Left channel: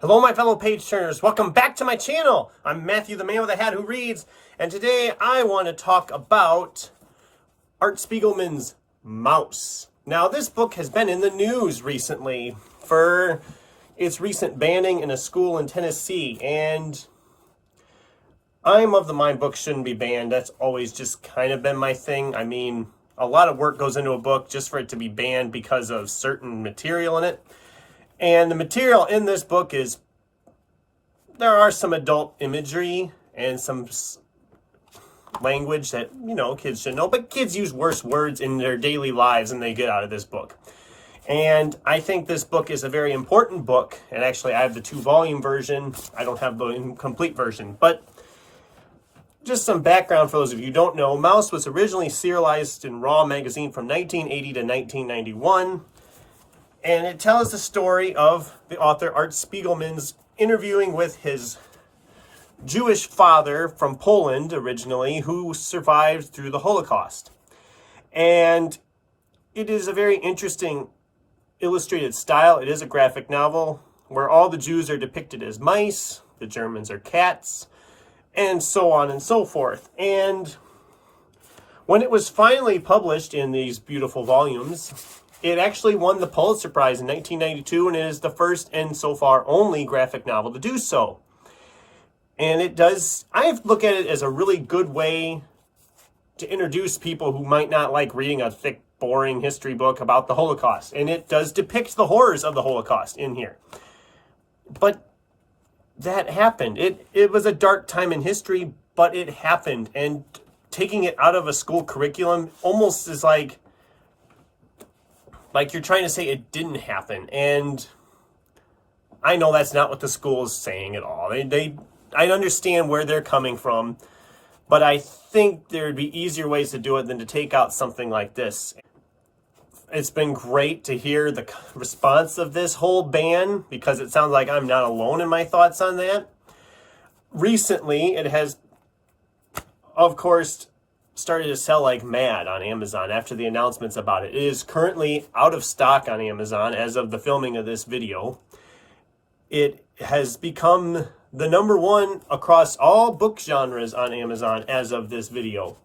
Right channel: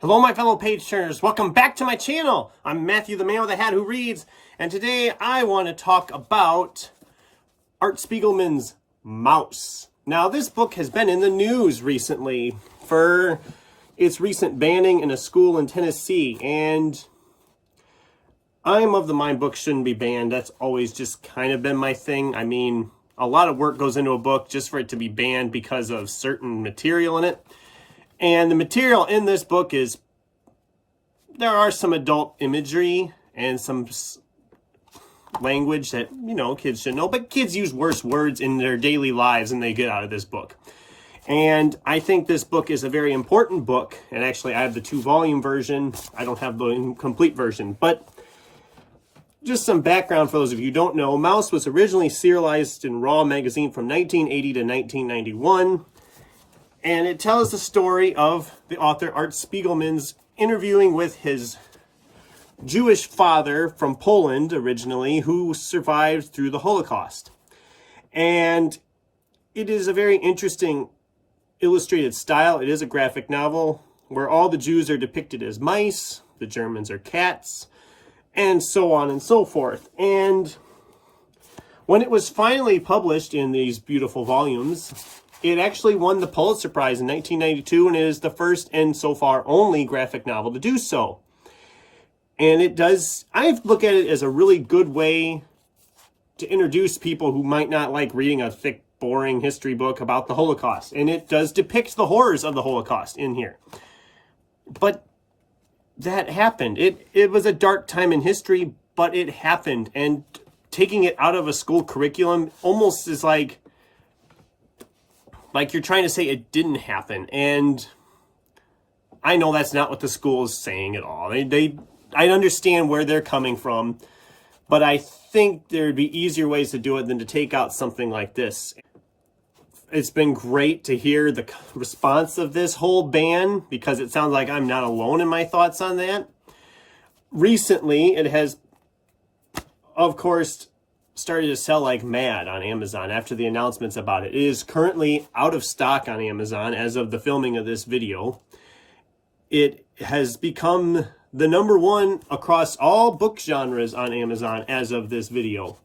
Hello, my fellow page turners. Welcome back to my channel. I'm Matthew, the man with a hat who reads, and today I want to talk about Art Spiegelman's Maus. Now, this book has been in the news recently for its recent banning in a school in Tennessee, and I'm of the mind books shouldn't be banned. That's always just kind of been my thing. I mean, a lot of work goes into a book just for it to be banned because of certain material in it. And the material in this book is, there are some adult imagery and some language that, kids should know, but kids use worse words in their daily lives than they get out of this book. And I think this book is a very important book. And actually, I have the 2-volume version. I don't have the complete version, but just some background for those of you who don't know. Maus was originally serialized in Raw magazine from 1980 to 1991. And it tells the story of the author Art Spiegelman's interviewing with his Jewish father from Poland originally, who survived through the Holocaust. And it is a very interesting illustrated style. It is a graphic novel where all the Jews are depicted as mice, the Germans are cats, and so on and so forth. And when it was finally published in these beautiful volumes, it actually won the Pulitzer Prize in 1992, and it is the first and so far only graphic novel to do so. And it does, I look at it as a really good way to introduce people who might not like reading a thick, boring history book about the Holocaust. And it does depict the horrors of the Holocaust in here. But that happened. It was a dark time in history, but it happened. And taking it out of a school curriculum almost is like you're trying to say it didn't happen. And I know that's not what the school is saying at all. I understand where they're coming from, but I think there'd be easier ways to do it than to take out something like this. It's been great to hear the response of this whole ban, because it sounds like I'm not alone in my thoughts on that. Recently, it has, of course, started to sell like mad on Amazon after the announcements about it. It is currently out of stock on Amazon as of the filming of this video. It has become the #1 across all book genres on Amazon as of this video.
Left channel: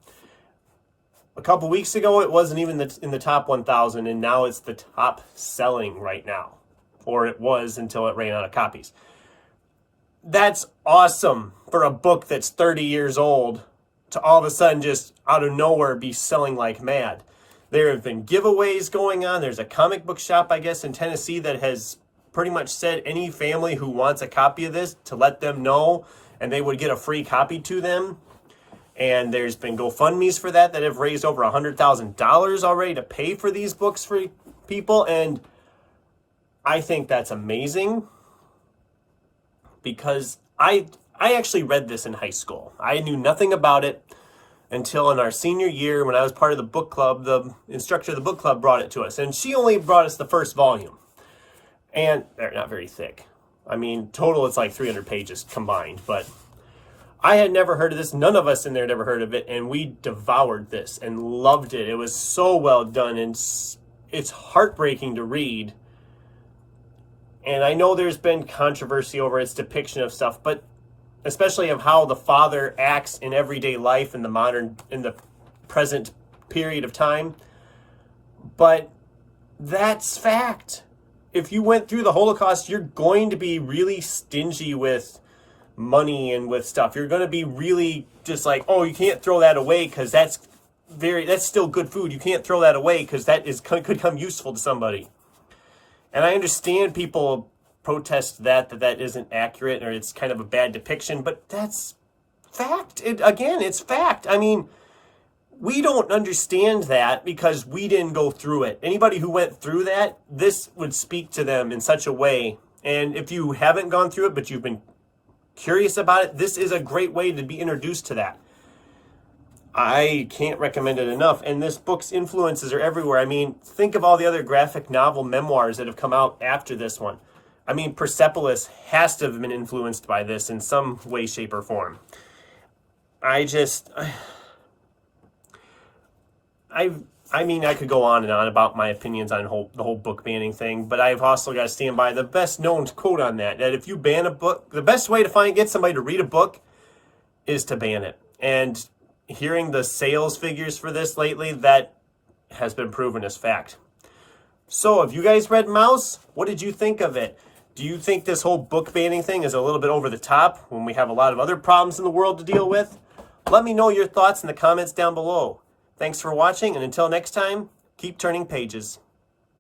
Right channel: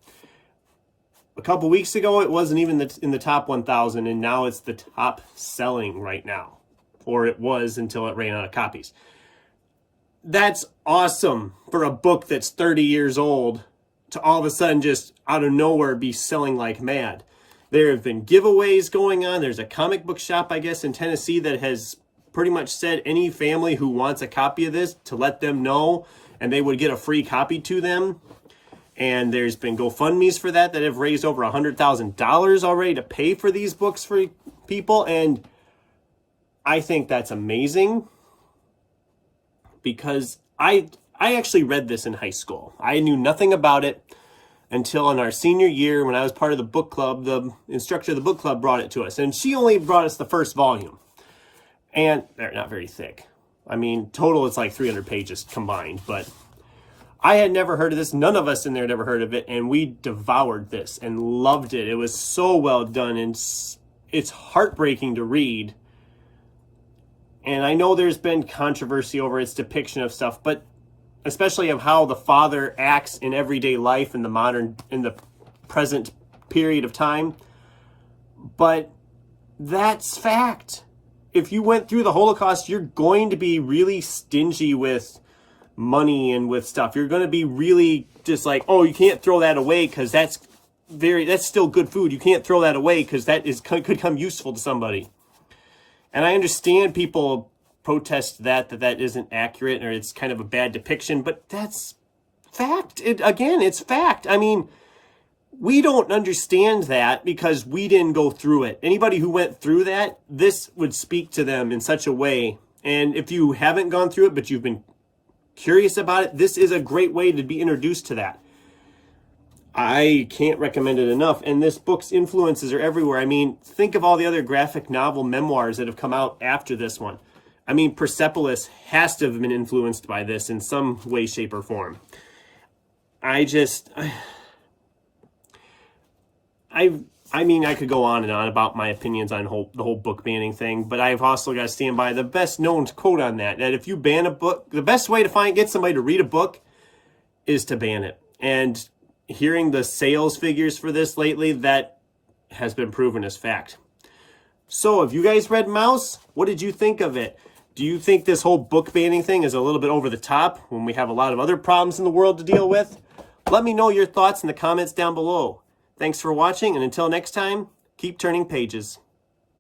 A couple weeks ago, it wasn't even in the top 1,000, and now it's the top selling right now. Or it was until it ran out of copies. That's awesome for a book that's 30 years old to all of a sudden just out of nowhere be selling like mad. There have been giveaways going on. There's a comic book shop, I guess, in Tennessee that has pretty much said any family who wants a copy of this to let them know, and they would get a free copy to them. And there's been GoFundMes for that have raised over $100,000 already to pay for these books for people. And I think that's amazing, because I actually read this in high school. I knew nothing about it until in our senior year, when I was part of the book club. The instructor of the book club brought it to us, and she only brought us the first volume. And they're not very thick. I mean, total it's like 300 pages combined, but I had never heard of this. None of us in there had ever heard of it, and we devoured this and loved it. It was so well done, and it's heartbreaking to read. And I know there's been controversy over its depiction of stuff, but especially of how the father acts in everyday life in the present period of time. But that's fact. If you went through the Holocaust, you're going to be really stingy with money and with stuff. You're going to be really just like, oh, you can't throw that away because that's still good food. You can't throw that away because could come useful to somebody. And I understand people protest that isn't accurate, or it's kind of a bad depiction, but that's fact. It's fact. I mean, we don't understand that because we didn't go through it. Anybody who went through that, this would speak to them in such a way. And if you haven't gone through it, but you've been curious about it, this is a great way to be introduced to that. I can't recommend it enough. And this book's influences are everywhere. I mean, think of all the other graphic novel memoirs that have come out after this one. I mean, Persepolis has to have been influenced by this in some way, shape, or form. I I mean, I could go on and on about my opinions on the whole book banning thing, but I've also got to stand by the best known quote on that if you ban a book, the best way to get somebody to read a book is to ban it. And hearing the sales figures for this lately, that has been proven as fact. So have you guys read Maus? What did you think of it? Do you think this whole book banning thing is a little bit over the top when we have a lot of other problems in the world to deal with? Let me know your thoughts in the comments down below. Thanks for watching, and until next time, keep turning pages.